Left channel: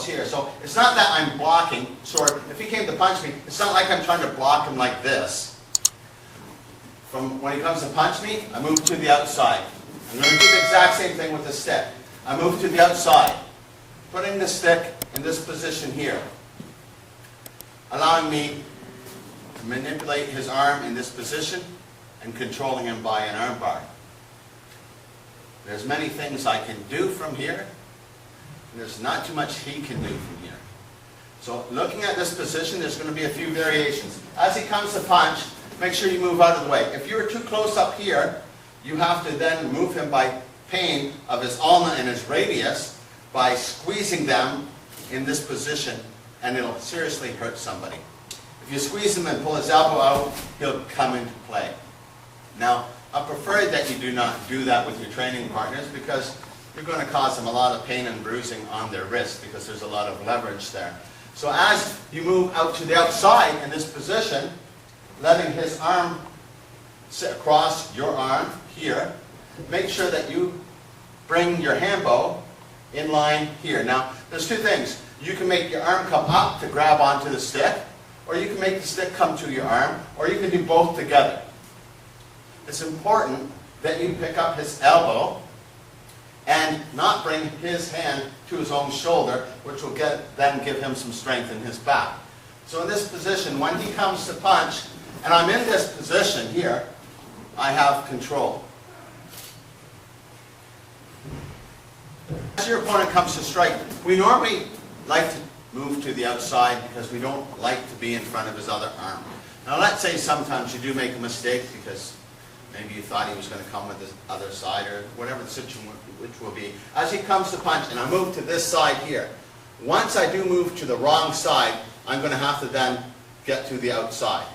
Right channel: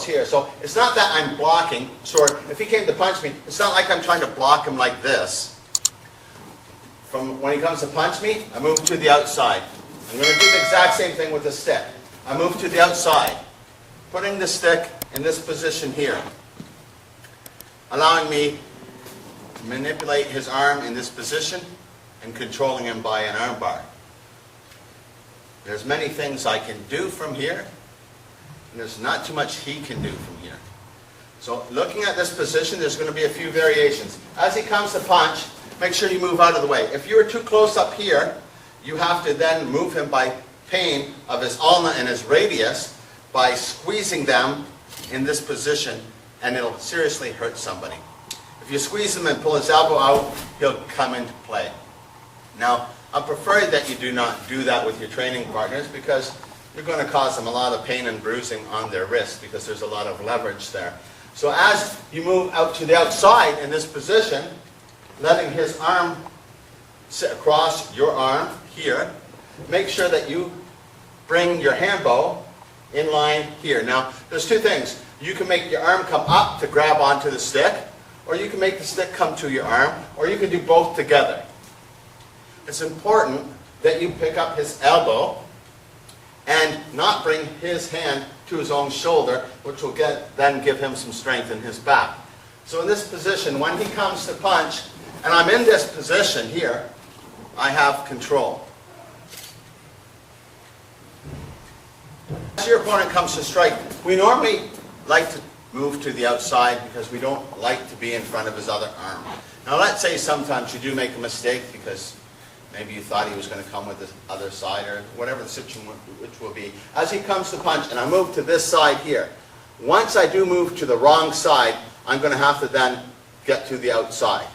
elbows here. So it's not that I'm blocking. So if he came to punch me, it's not like I'm trying to block him like this. From when he comes to punch me, I move to the outside. I'm going to do the exact same thing with the stick. I move to the outside, putting the stick in this position here, allowing me to manipulate his arm in this position and controlling him by an arm bar. There's many things I can do from here, and there's not too much he can do from here. So looking at this position, there's going to be a few variations. As he comes to punch, make sure you move out of the way. If you're too close up here, you have to then move him by pain of his ulna and his radius by squeezing them in this position, and it'll seriously hurt somebody. If you squeeze him and pull his elbow out, he'll come into play. Now, I prefer that you do not do that with your training partners because you're going to cause them a lot of pain and bruising on their wrist because there's a lot of leverage there. So as you move out to the outside in this position, letting his arm sit across your arm here, make sure that you bring your hand bow in line here. Now, there's two things. You can make your arm come up to grab onto the stick, or you can make the stick come to your arm, or you can do both together. It's important that you pick up his elbow and not bring his hand to his own shoulder, which will then give him some strength in his back. So in this position, when he comes to punch, and I'm in this position here, I have control. As your opponent comes to strike, we normally like to move to the outside because we don't like to be in front of his other arm. Now let's say sometimes you do make a mistake because maybe you thought he was going to come with the other side or whatever the situation which will be. As he comes to punch, and I move to this side here, once I do move to the wrong side, I'm going to have to then get to the outside.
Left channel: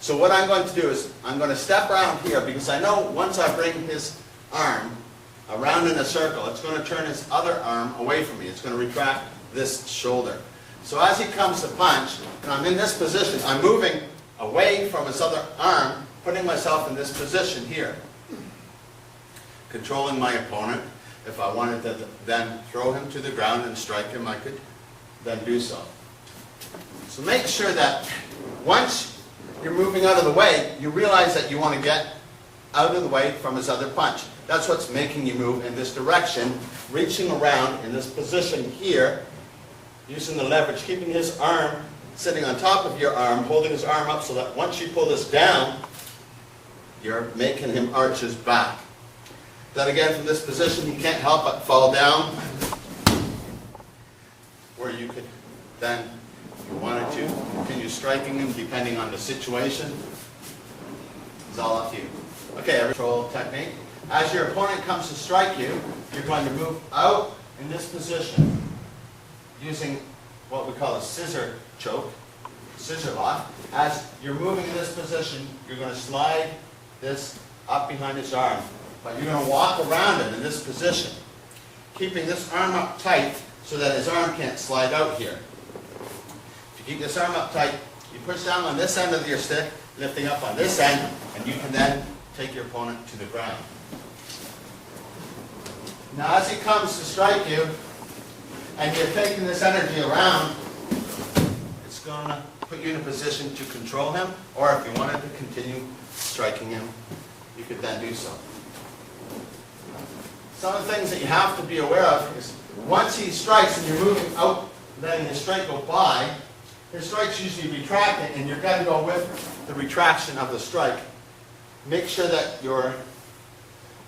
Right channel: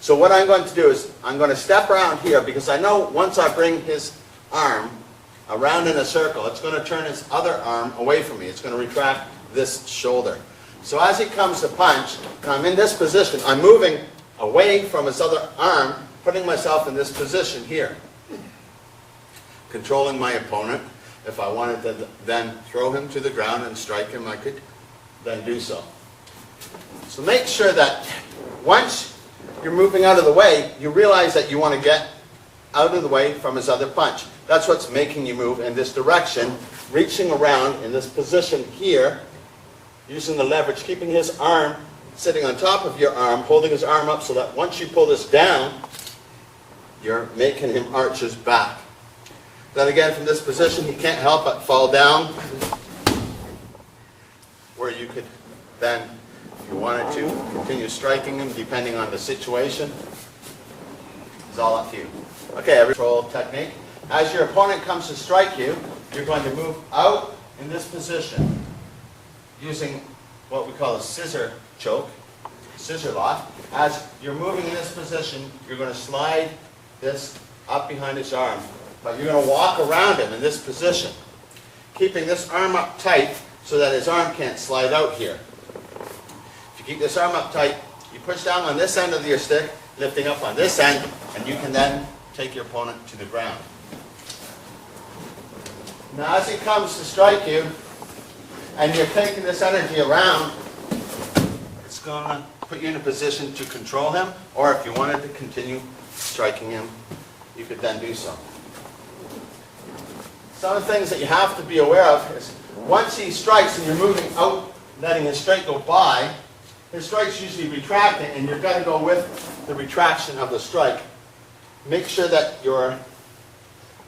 So what I'm going to do is I'm going to step around here because I know once I bring his arm around in a circle, it's going to turn his other arm away from me. It's going to retract this shoulder. So as he comes to punch, and I'm in this position, I'm moving away from his other arm, putting myself in this position here, controlling my opponent. If I wanted to then throw him to the ground and strike him, I could then do so. So make sure that once you're moving out of the way, you realize that you want to get out of the way from his other punch. That's what's making you move in this direction, reaching around in this position here, using the leverage, keeping his arm sitting on top of your arm, holding his arm up so that once you pull this down, you're making him arch his back. Then again, from this position, he can't help but fall down, where you could then, if you wanted to, continue striking him depending on the situation. It's all up to you. Okay, every control technique. As your opponent comes to strike you, you're going to move out in this position using what we call a scissor choke, scissor lock. As you're moving in this position, you're going to slide this up behind his arm, but you're going to walk around him in this position, keeping this arm up tight so that his arm can't slide out here. If you keep this arm up tight, you push down on this end of your stick, lifting up on this end, and you can then take your opponent to the ground. Now as he comes to strike you, and you're taking this energy around, it's going to put you in a position to control him, or if you wanted to continue striking him, you could then do so. Some of the things that you have to be aware of is once he strikes and you're moving out, letting his strike go by, his strike's usually retracting, and you're going to go with the retraction of the strike. Make sure that you're,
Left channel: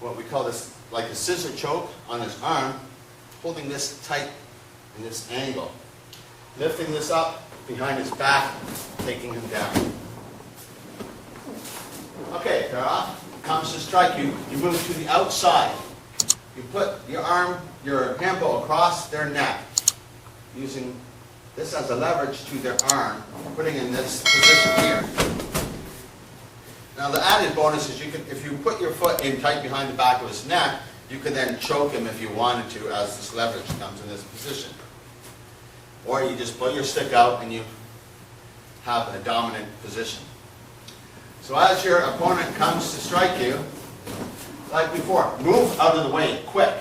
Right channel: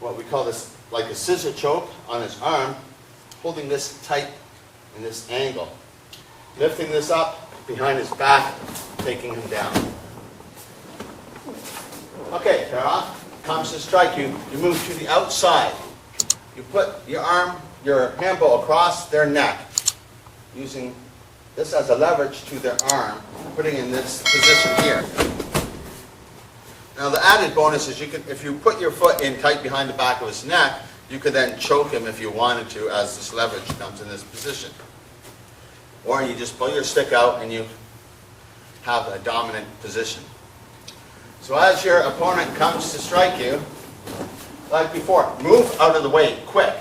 what we call this, like a scissor choke on his arm, holding this tight in this angle, lifting this up behind his back, taking him down. Okay, Tara comes to strike you, you move to the outside. You put your arm, your hand bow across their neck, using this as a leverage to their arm, putting in this position here. Now the added bonus is you could, if you put your foot in tight behind the back of his neck, you could then choke him if you wanted to as this leverage comes in this position. Or you just pull your stick out and you have a dominant position. So as your opponent comes to strike you, like before, move out of the way, quick.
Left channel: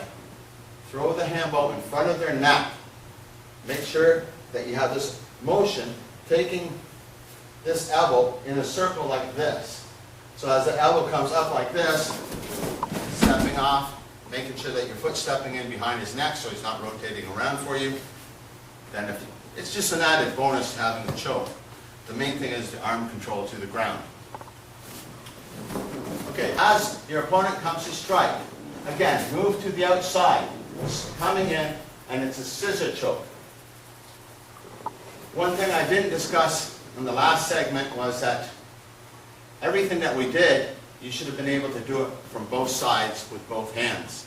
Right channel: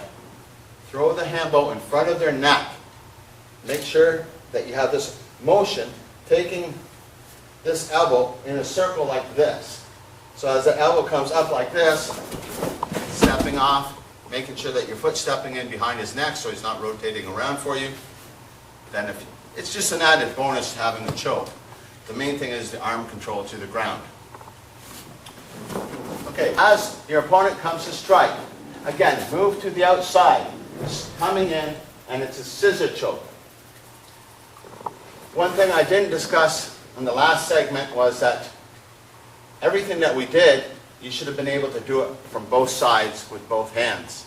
Throw the hand bow in front of their neck. make sure that you have this motion taking this elbow in a circle like this. So as the elbow comes up like this, stepping off, making sure that your foot's stepping in behind his neck so he's not rotating around for you. Then if it's just an added bonus to having the choke. The main thing is the arm control to the ground. Okay, as your opponent comes to strike, again, move to the outside, coming in, and it's a scissor choke. One thing I didn't discuss in the last segment was that everything that we did, you should have been able to do it from both sides with both hands.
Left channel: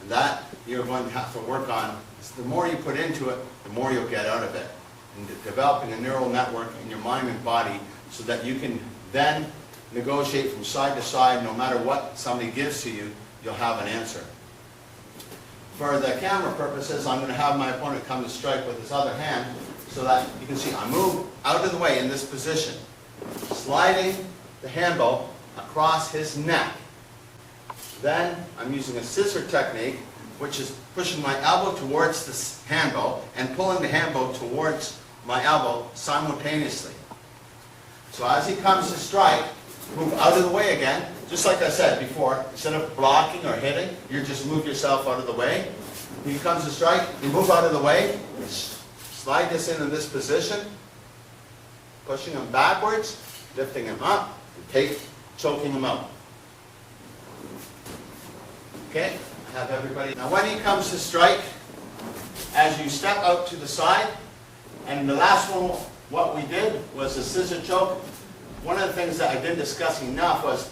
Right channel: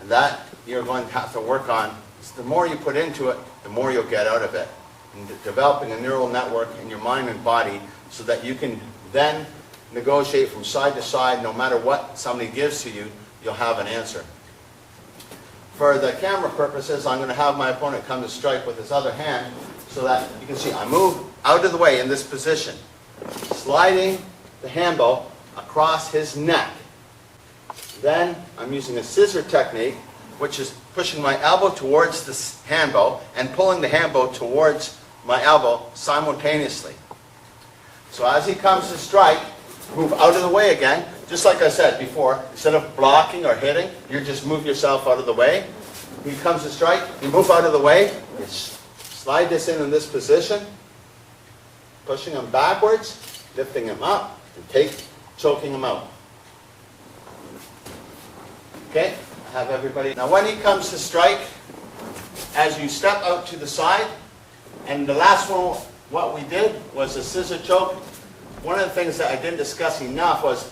And that you're going to have to work on. The more you put into it, the more you'll get out of it. And developing a neural network in your mind and body so that you can then negotiate from side to side. No matter what somebody gives to you, you'll have an answer. For the camera purposes, I'm going to have my opponent come to strike with his other hand so that you can see I move out of the way in this position, sliding the handle across his neck. Then I'm using a scissor technique, which is pushing my elbow towards the handle and pulling the handle towards my elbow simultaneously. So as he comes to strike, move out of the way again. Just like I said before, instead of blocking or hitting, you just move yourself out of the way. When he comes to strike, you move out of the way, you slide this in this position, pushing him backwards, lifting him up, and choking him out. Okay, I have everybody. Now when he comes to strike, as you step out to the side, and the last one, what we did was a scissor choke. One of the things that I didn't discuss enough was,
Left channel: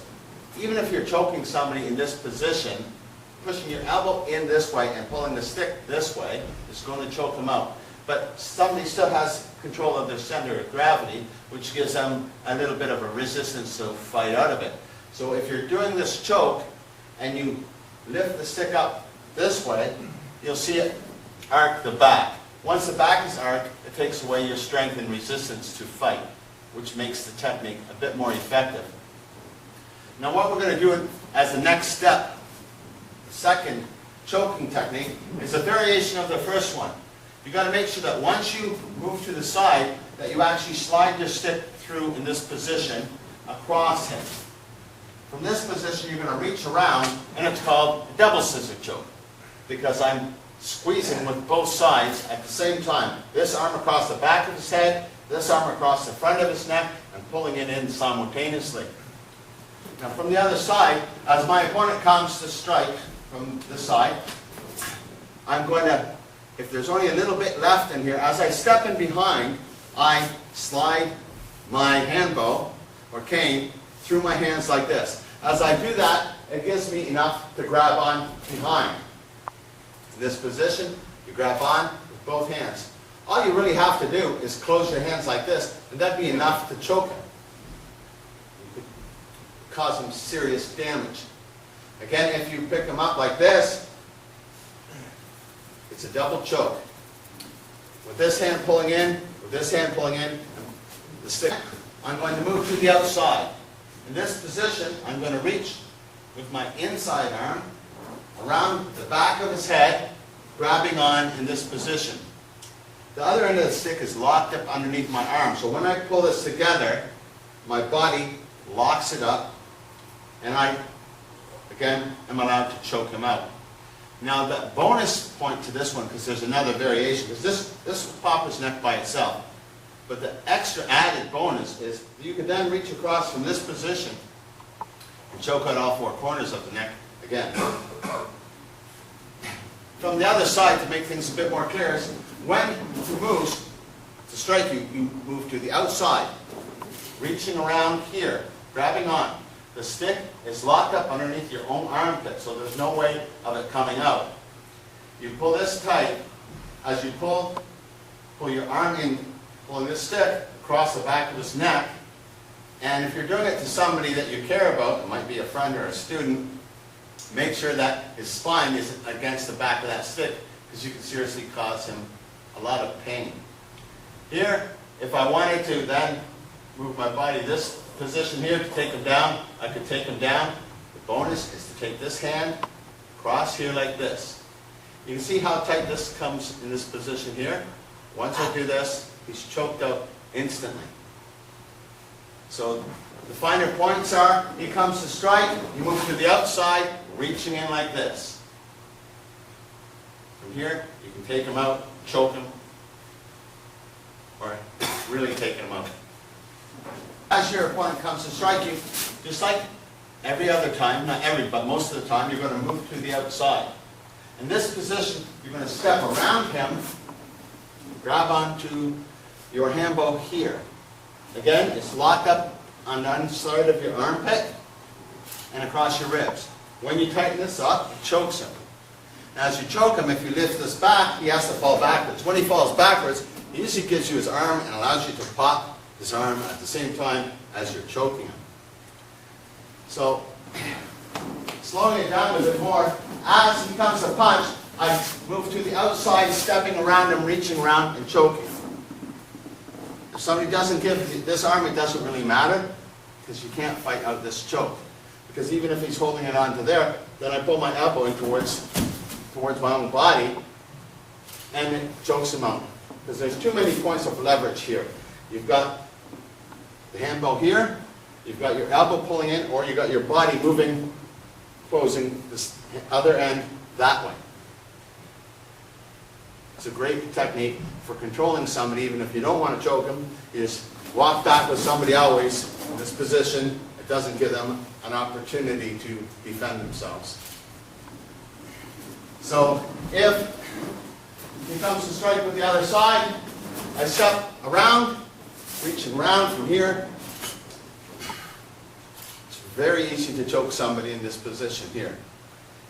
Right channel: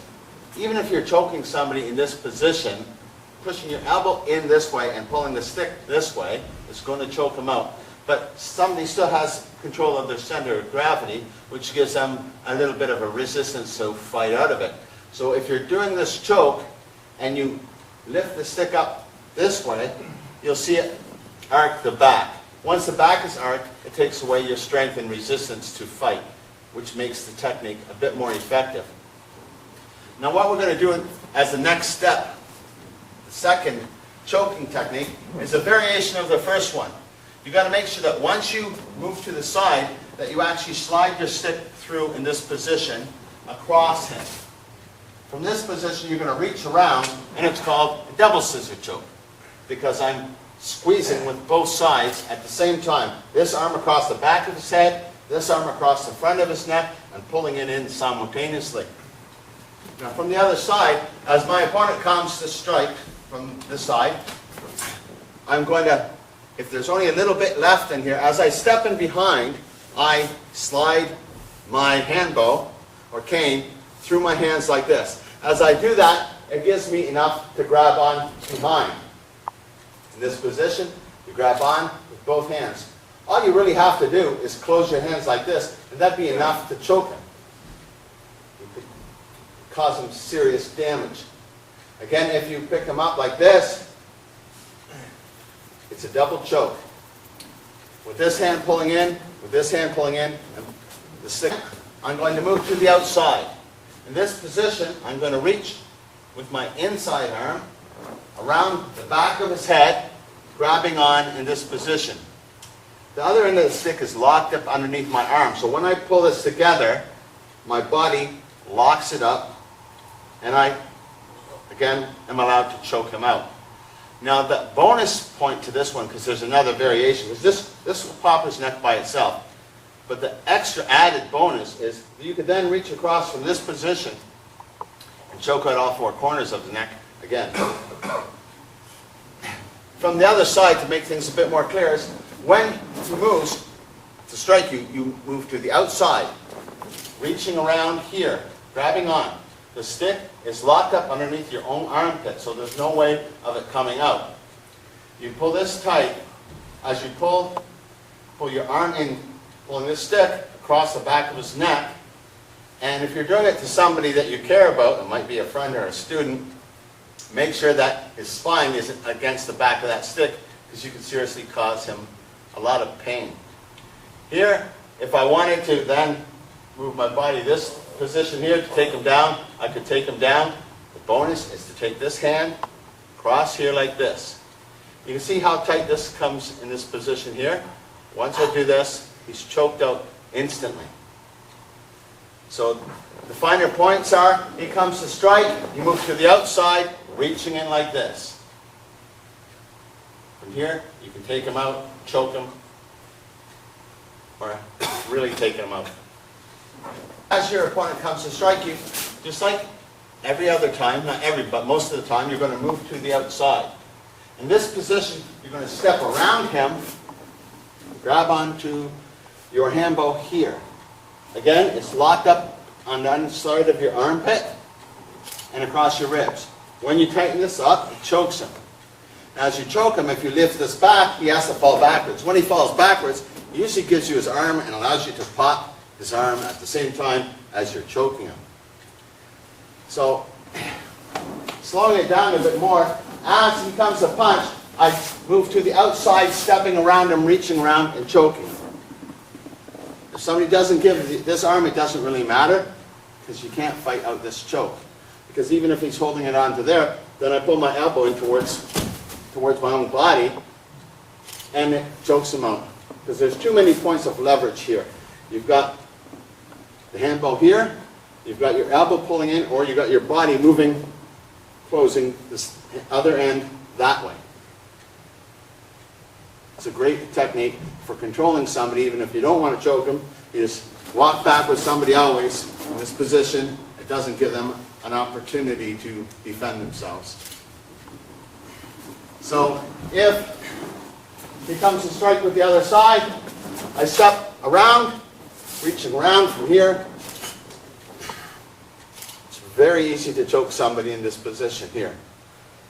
even if you're choking somebody in this position, pushing your elbow in this way and pulling the stick this way is going to choke them out. But somebody still has control of their center of gravity, which gives them a little bit of a resistance to fight out of it. So if you're doing this choke and you lift the stick up this way, you'll see it arc the back. Once the back is arced, it takes away your strength and resistance to fight, which makes the technique a bit more effective. Now what we're going to do as the next step, the second choking technique, is a variation of the first one. You've got to make sure that once you move to the side, that you actually slide your stick through in this position across him. From this position, you're going to reach around, and it's called a double scissor choke, because I'm squeezing with both sides at the same time. This arm across the back of his head, this arm across the front of his neck, and pulling it in simultaneously. Now from the other side, as my opponent comes to strike from this side, I'm going to, if there's only a little bit left in here, as I step in behind, I slide my hand bow or cane through my hands like this. As I do that, it gives me enough to grab on behind. In this position, you grab on with both hands. All you really have to do is close your hands like this, and that'd be enough to choke him. You could cause him serious damage. Again, if you pick him up like this, it's a double choke. With this hand pulling in, with this hand pulling in, and the stick, I'm going to move to the outside. In this position, I'm going to reach with my inside arm around the back of his head, grabbing on in this position. The other end of the stick is locked up underneath my arm. So when I pull this together, my body locks it up, and I, again, am allowed to choke him out. Now the bonus point to this one, because there's another variation, because this will pop his neck by itself. But the extra added bonus is that you could then reach across from this position and choke out all four corners of the neck again. From the other side, to make things a bit more clear, is when he moves to strike you, you move to the outside, reaching around here, grabbing on. The stick is locked up underneath your own armpit, so there's no way of it coming out. You pull this tight. As you pull your arm in, pulling this stick across the back of his neck. And if you're doing it to somebody that you care about, it might be a friend or a student, make sure that his spine isn't against the back of that stick, because you can seriously cause him a lot of pain. Here, if I wanted to then move my body this position here to take him down, I could take him down. The bonus is to take this hand across here like this. You can see how tight this comes in this position here. Once I do this, he's choked out instantly. So the finer points are, he comes to strike, you move to the outside, reaching in like this. From here, you can take him out, choke him, or really take him out. As your opponent comes to strike you, just like every other time, not every, but most of the time, you're going to move to the outside. In this position, you're going to step around him, grab onto your hand bow here. Again, it's locked up on the inside of your armpit and across your ribs. When you tighten this up, it chokes him. Now, as you choke him, if you lift this back, he has to fall backwards. When he falls backwards, he usually gives you his arm and allows you to pop his arm at the same time as you're choking him. So, slowing it down a bit more, as he comes to punch, I move to the outside, stepping around him, reaching around and choking him. If somebody doesn't give this arm, it doesn't really matter, because you can't fight out this choke. Because even if he's holding it onto there, then I pull my elbow in towards my own body, and it chokes him out. Because there's too many points of leverage here. You've got the hand bow here, you've got your elbow pulling in, or you've got your body moving, closing this other end that way. It's a great technique for controlling somebody, even if you don't want to choke them. You just walk back with somebody always in this position. It doesn't give them an opportunity to defend themselves. So if he comes to strike with the other side, I step around, reaching around from here. It's very easy to choke somebody in this position here.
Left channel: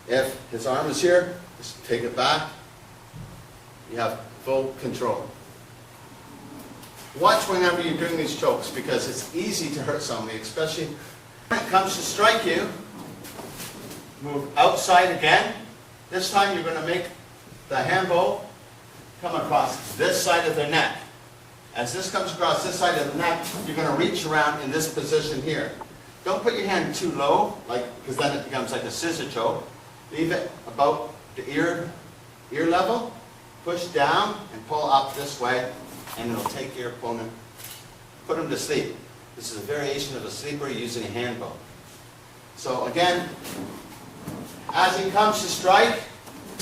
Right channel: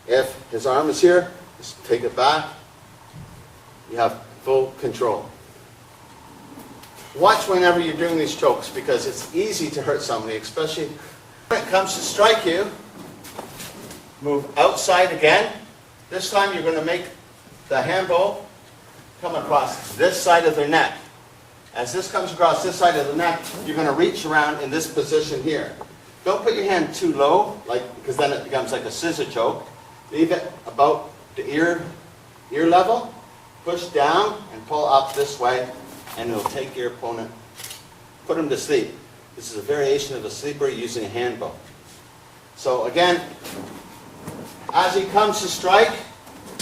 If his arm is here, just take it back. You have full control. Watch whenever you're doing these chokes, because it's easy to hurt somebody, especially when it comes to strike you. Move outside again. This time you're going to make the hand bow come across this side of their neck. As this comes across this side of the neck, you're going to reach around in this position here. Don't put your hand too low, because then it becomes like a scissor choke. Leave it about the ear level. Push down and pull up this way, and it'll take your opponent, put him to sleep. This is a variation of a sleeper using a hand bow. So again, as he comes to strike,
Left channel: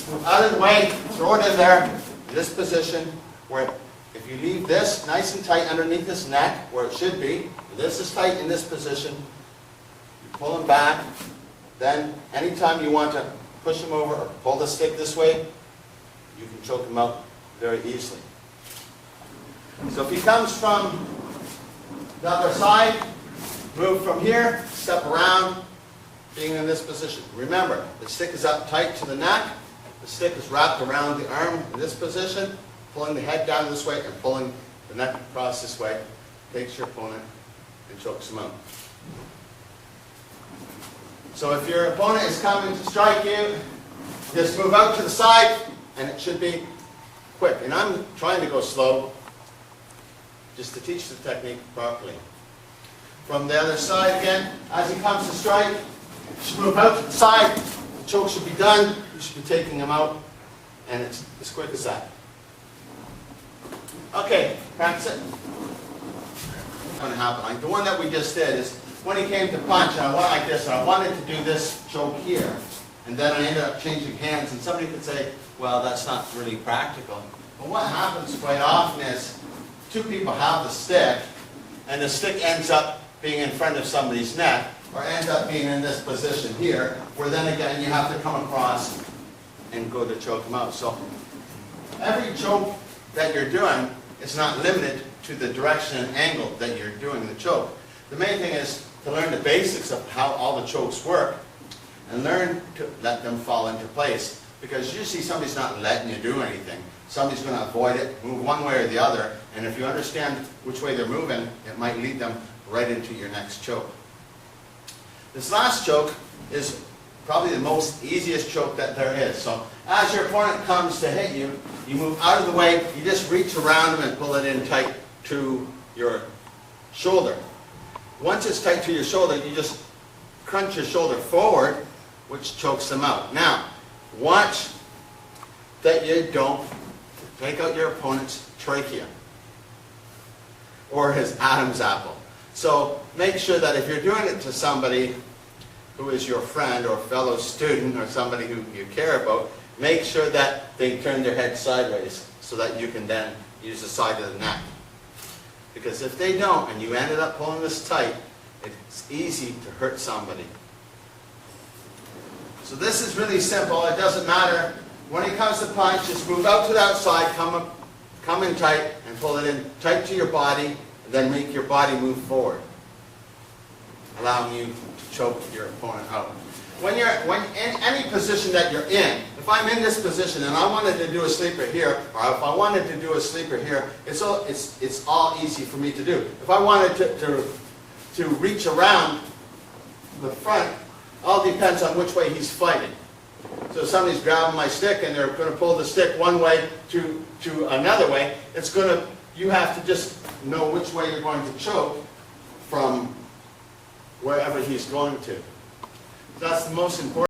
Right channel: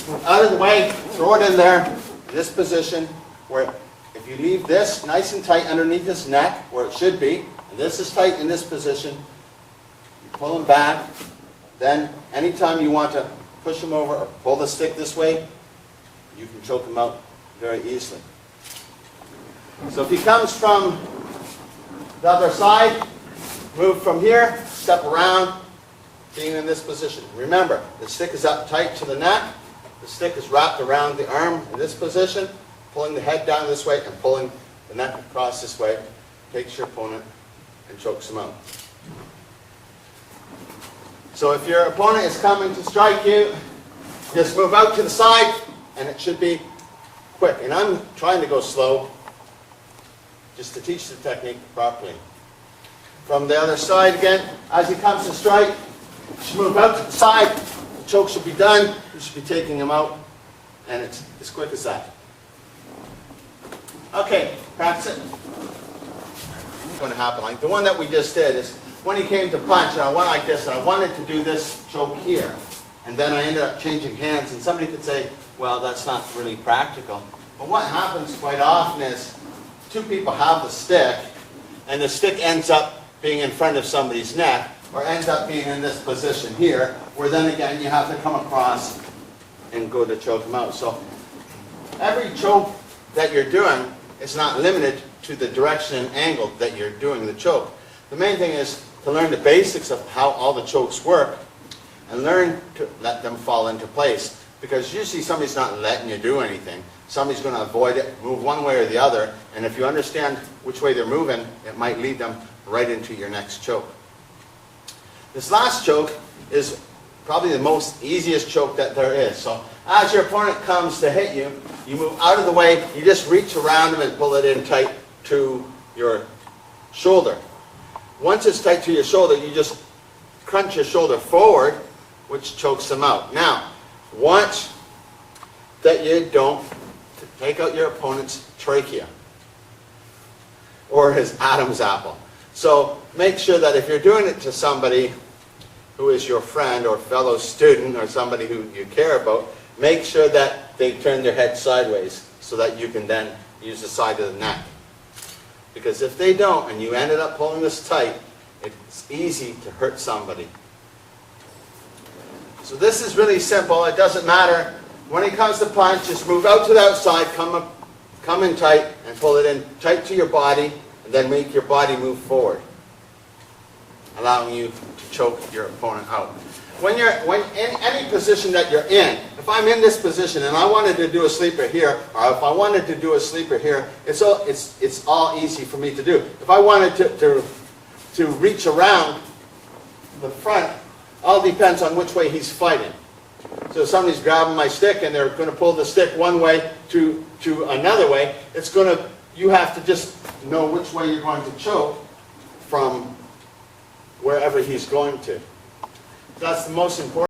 move out of the way, throw it in there, in this position, where if you leave this nice and tight underneath his neck, where it should be, and this is tight in this position, you pull him back. Then anytime you want to push him over or pull the stick this way, you can choke him out very easily. So if he comes from the other side, move from here, step around, being in this position. Remember, the stick is up tight to the neck. The stick is wrapped around the arm in this position, pulling the head down this way and pulling the neck across this way. Takes your opponent and chokes him out. So if your opponent is coming to strike you, just move out to the side, and it should be quick. And I'm trying to go slow, just to teach the technique properly. From the other side again, as he comes to strike, you should move out to the side. The choke should be done. You should be taking him out, and it's as quick as that. Okay, practice it. What's going to happen? Like the one that we just did is when he came to punch, and I went like this, and I wanted to do this choke here. And then I ended up changing hands, and somebody could say, well, that's not really practical. But what happens quite often is two people have the stick, and the stick ends up being in front of somebody's neck, or ends up being in this position here, where then again you have to come across and go to choke them out. So every choke that you're doing is not limited to the direction and angle that you're doing the choke. The main thing is to learn the basics of how all the chokes work, and learn to let them fall into place. Because usually somebody's not letting you do anything. Somebody's going to avoid it, move one way or the other, and if you understand which way they're moving, it might lead them right into your next choke. This last choke is probably the most easiest choke that there is. So as your opponent comes to hit you, you move out of the way, you just reach around them and pull it in tight to your shoulder. Once it's tight to your shoulder, you just crunch your shoulder forward, which chokes them out. Now, watch that you don't take out your opponent's trachea or his Adam's apple. So make sure that if you're doing it to somebody who is your friend or fellow student or somebody who you care about, make sure that they turn their head sideways so that you can then use the side of the neck. Because if they don't and you ended up pulling this tight, it's easy to hurt somebody. So this is really simple. It doesn't matter. When it comes to punch, just move out to the outside, come in tight, and pull it in tight to your body, and then make your body move forward, allowing you to choke your opponent out. When in any position that you're in, if I'm in this position and I wanted to do a sleeper here, or if I wanted to do a sleeper here, it's all easy for me to do. If I wanted to reach around the front, all depends on which way he's fighting. So if somebody's grabbing my stick and they're going to pull the stick one way to another way, you have to just know which way you're going to choke from wherever he's going to. That's the most important.